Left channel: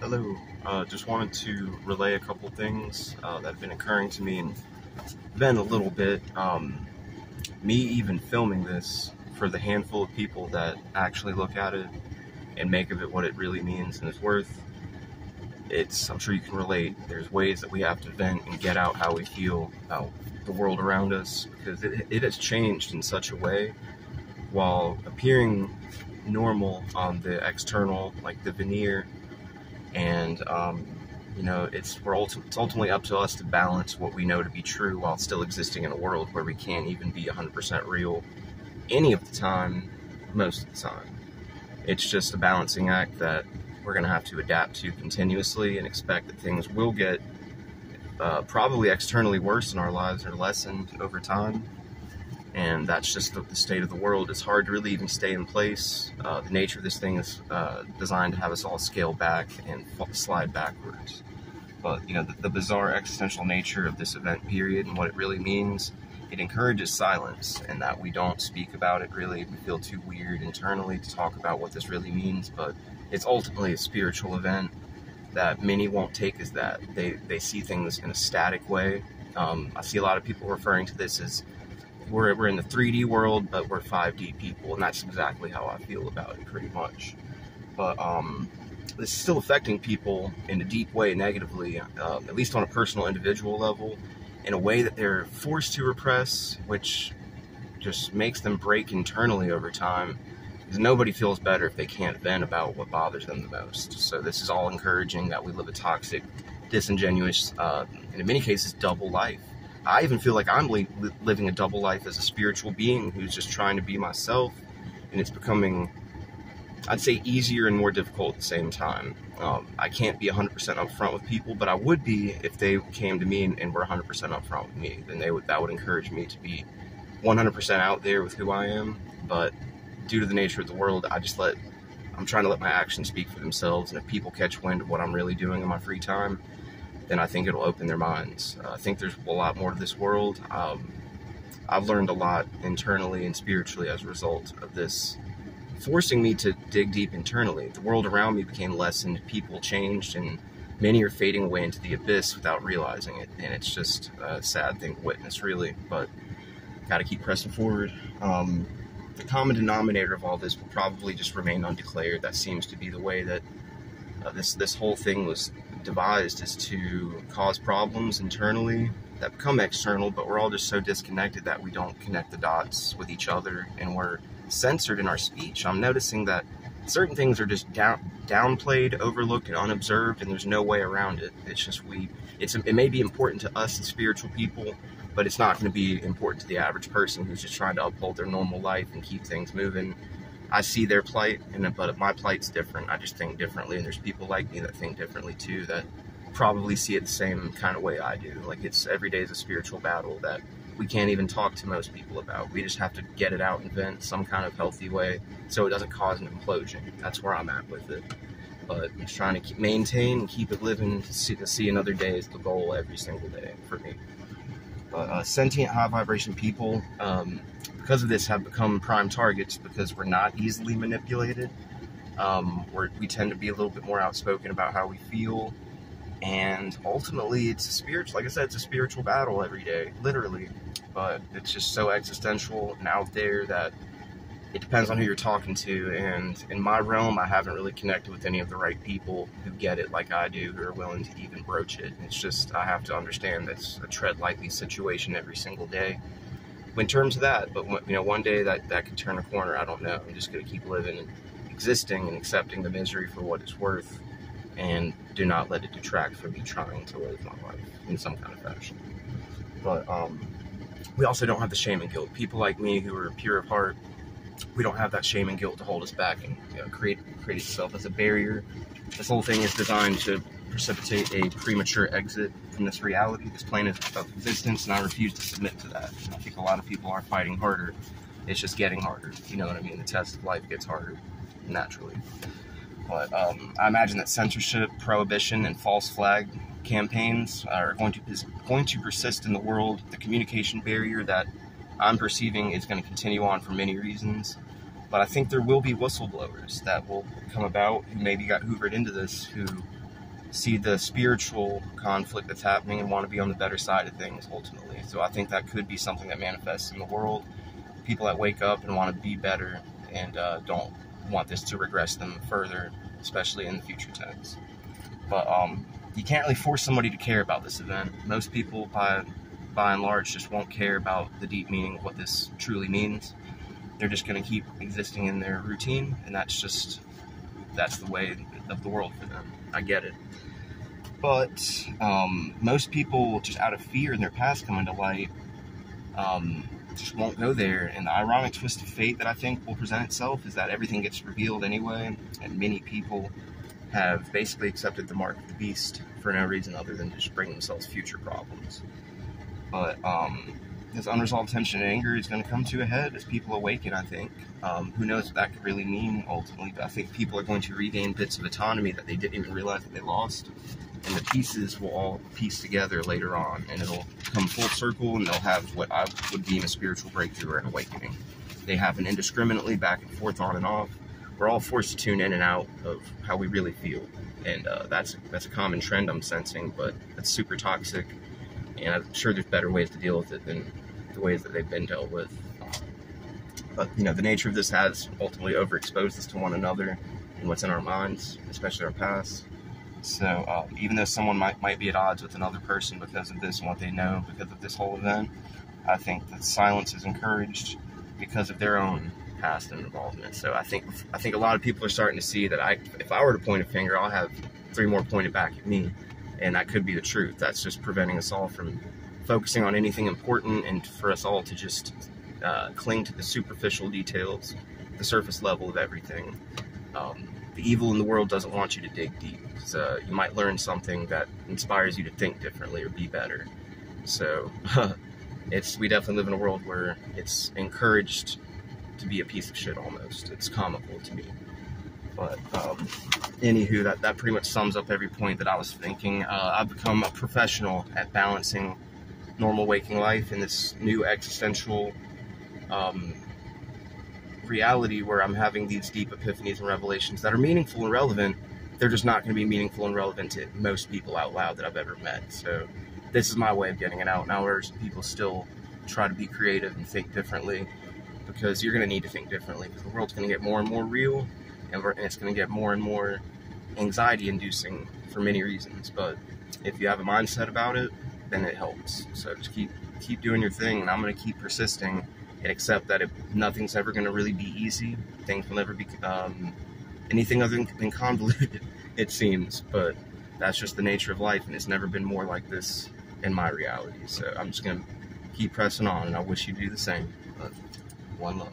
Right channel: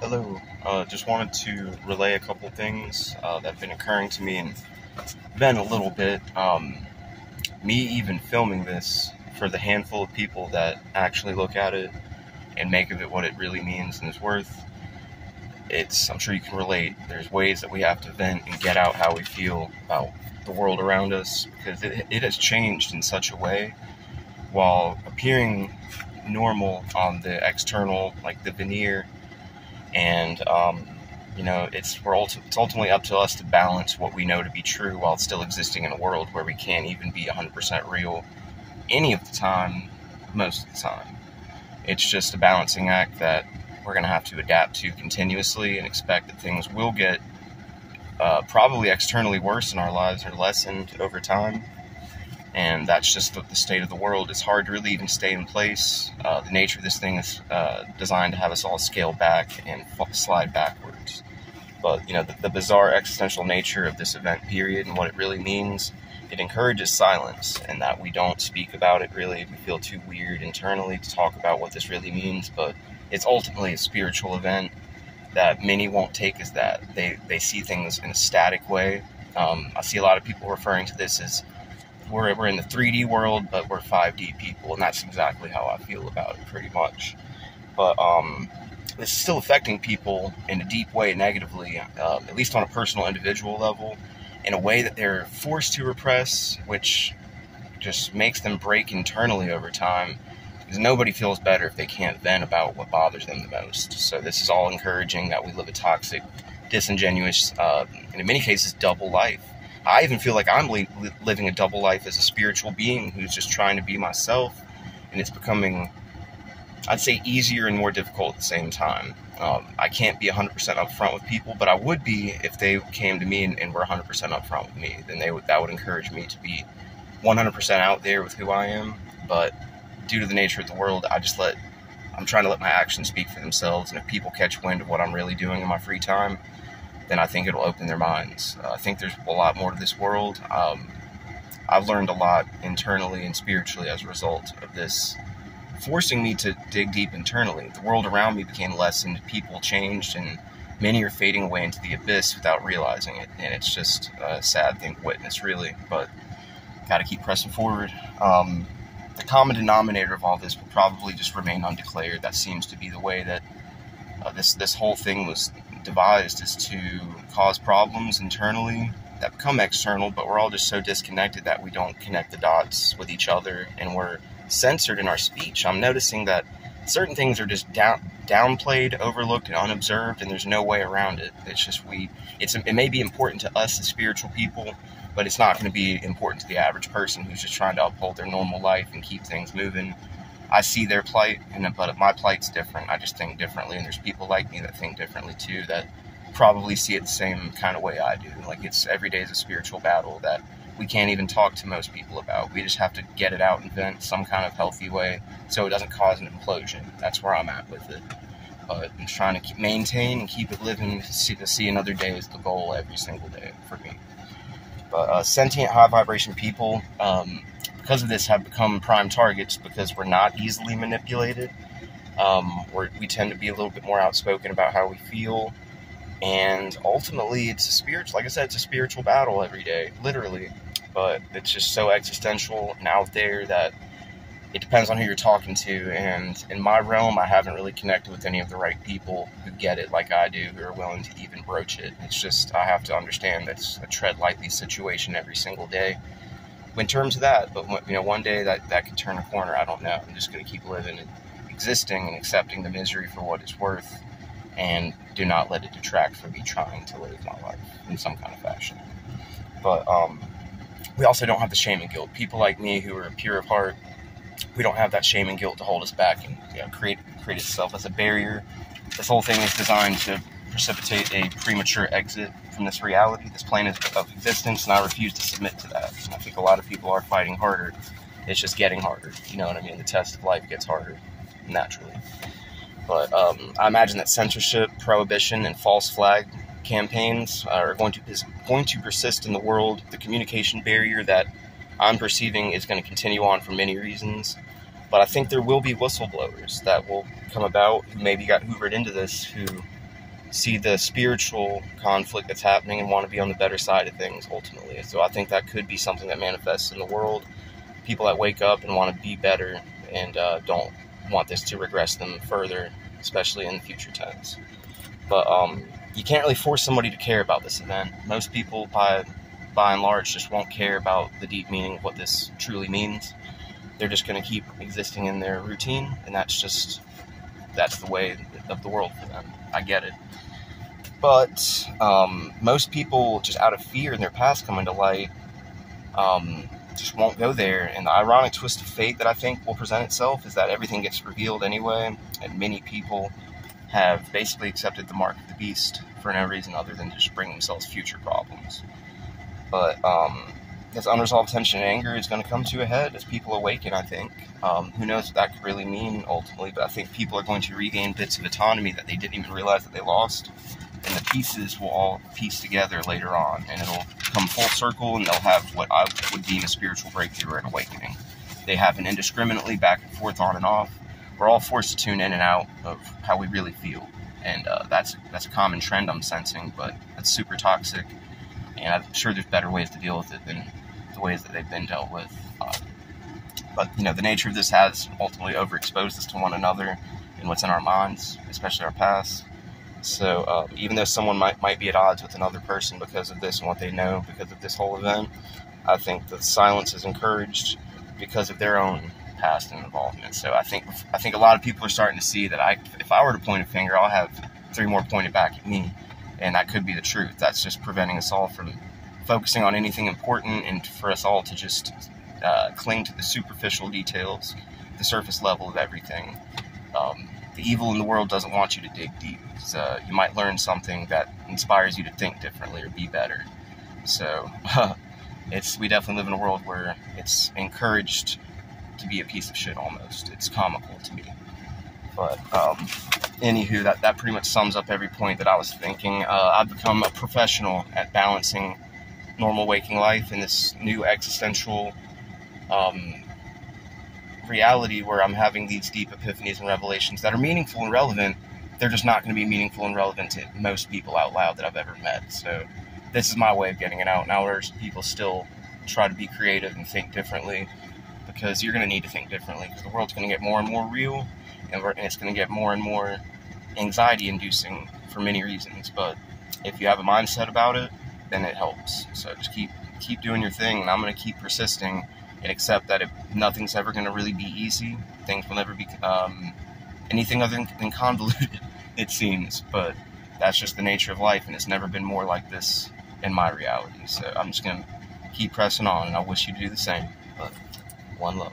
Hello. Just wanted to relay a couple things that have been occurring to me and been a little bit. Me even filming this for the handful of people that actually look at it and make of it what it really means and is worth. I'm sure you can relate. There's ways that we have to vent and get out how we feel about the world around us because it has changed in such a way while appearing normal on the external, like the veneer. And it's ultimately up to us to balance what we know to be true while still existing in a world where we can't even be 100% real any of the time, most of the time. It's just a balancing act that we're going to have to adapt to continuously and expect that things will get probably externally worse in our lives or lessened over time. And that's just the state of the world. It's hard to really even stay in place. The nature of this thing is designed to have us all scale back and slide backwards. But, the bizarre existential nature of this event period and what it really means, it encourages silence and that we don't speak about it really. We feel too weird internally to talk about what this really means, but it's ultimately a spiritual event that many won't take as that. They see things in a static way. I see a lot of people referring to this as we're in the 3D world, but we're 5D people, and that's exactly how I feel about it, pretty much. But this is still affecting people in a deep way negatively, at least on a personal, individual level, in a way that they're forced to repress, which just makes them break internally over time, because nobody feels better if they can't vent about what bothers them the most. So this is all encouraging that we live a toxic, disingenuous, and in many cases, double life. I even feel like I'm living a double life as a spiritual being who's just trying to be myself, and it's becoming, I'd say, easier and more difficult at the same time. I can't be 100% upfront with people, but I would be if they came to me and were 100% upfront with me. Then that would encourage me to be 100% out there with who I am. But due to the nature of the world, I'm trying to let my actions speak for themselves, and if people catch wind of what I'm really doing in my free time, then I think it'll open their minds. I think there's a lot more to this world. I've learned a lot internally and spiritually as a result of this, forcing me to dig deep internally. The world around me became lessened, people changed, and many are fading away into the abyss without realizing it. And it's just a sad thing to witness, really, but gotta keep pressing forward. The common denominator of all this will probably just remain undeclared. That seems to be the way that this whole thing was devised, is to cause problems internally that become external, but we're all just so disconnected that we don't connect the dots with each other, and we're censored in our speech. I'm noticing that certain things are just downplayed, overlooked, and unobserved, and there's no way around it. It's just it may be important to us as spiritual people, but it's not going to be important to the average person who's just trying to uphold their normal life and keep things moving. I see their plight, but my plight's different. I just think differently, and there's people like me that think differently too, that probably see it the same kind of way I do. Like, every day is a spiritual battle that we can't even talk to most people about. We just have to get it out and vent some kind of healthy way so it doesn't cause an implosion. That's where I'm at with it. But I'm trying to maintain and keep it living to see another day is the goal every single day for me. But sentient, high vibration people, because of this, have become prime targets because we're not easily manipulated. We tend to be a little bit more outspoken about how we feel, and ultimately it's a spiritual battle every day, literally. But it's just so existential and out there that it depends on who you're talking to, and in my realm, I haven't really connected with any of the right people who get it like I do, who are willing to even broach it. It's just, I have to understand that it's a tread lightly situation every single day in terms of that. But one day that could turn a corner. I don't know. I'm just going to keep living and existing and accepting the misery for what it's worth, and do not let it detract from me trying to live my life in some kind of fashion. But we also don't have the shame and guilt. People like me who are pure of heart, we don't have that shame and guilt to hold us back and create itself as a barrier. This whole thing is designed to precipitate a premature exit from this reality, this plane of existence, and I refuse to submit to that. And I think a lot of people are fighting harder. It's just getting harder. You know what I mean? The test of life gets harder, naturally. But I imagine that censorship, prohibition, and false flag campaigns are going to persist in the world. The communication barrier that I'm perceiving is going to continue on for many reasons. But I think there will be whistleblowers that will come about who maybe got hoovered into this, who see the spiritual conflict that's happening and want to be on the better side of things ultimately. So I think that could be something that manifests in the world. People that wake up and want to be better and don't want this to regress them further, especially in the future tense. But you can't really force somebody to care about this event. Most people, by and large, just won't care about the deep meaning of what this truly means. They're just going to keep existing in their routine, and that's the way of the world for them. I get it. But most people, just out of fear in their past coming to light, just won't go there. And the ironic twist of fate that I think will present itself is that everything gets revealed anyway, and many people have basically accepted the mark of the beast for no reason other than to just bring themselves future problems. But this unresolved tension and anger is going to come to a head as people awaken, I think. Who knows what that could really mean ultimately, but I think people are going to regain bits of autonomy that they didn't even realize that they lost. And the pieces will all piece together later on, and it'll come full circle, and they'll have what I would deem a spiritual breakthrough or an awakening. They happen indiscriminately, back and forth, on and off. We're all forced to tune in and out of how we really feel, and that's a common trend I'm sensing, but that's super toxic, and I'm sure there's better ways to deal with it than the ways that they've been dealt with. But, you know, the nature of this has ultimately overexposed us to one another and what's in our minds, especially our past. So even though someone might be at odds with another person because of this and what they know, because of this whole event, I think that silence is encouraged because of their own past and involvement. So I think a lot of people are starting to see that if I were to point a finger, I'll have 3 more pointed back at me, and that could be the truth. That's just preventing us all from focusing on anything important, and for us all to just cling to the superficial details, the surface level of everything. The evil in the world doesn't want you to dig deep. So you might learn something that inspires you to think differently or be better. So we definitely live in a world where it's encouraged to be a piece of shit almost. It's comical to me. But anywho, that pretty much sums up every point that I was thinking. I've become a professional at balancing normal waking life in this new existential reality where I'm having these deep epiphanies and revelations that are meaningful and relevant. They're just not going to be meaningful and relevant to most people out loud that I've ever met. So this is my way of getting it out. Now, whereas people still try to be creative and think differently, because you're going to need to think differently, because the world's going to get more and more real, and it's going to get more and more anxiety-inducing for many reasons. But if you have a mindset about it, then it helps. So just keep doing your thing, and I'm going to keep persisting and accept that nothing's ever going to really be easy. Things will never be anything other than convoluted, it seems. But that's just the nature of life, and it's never been more like this in my reality. So I'm just going to keep pressing on, and I wish you do the same. But one love.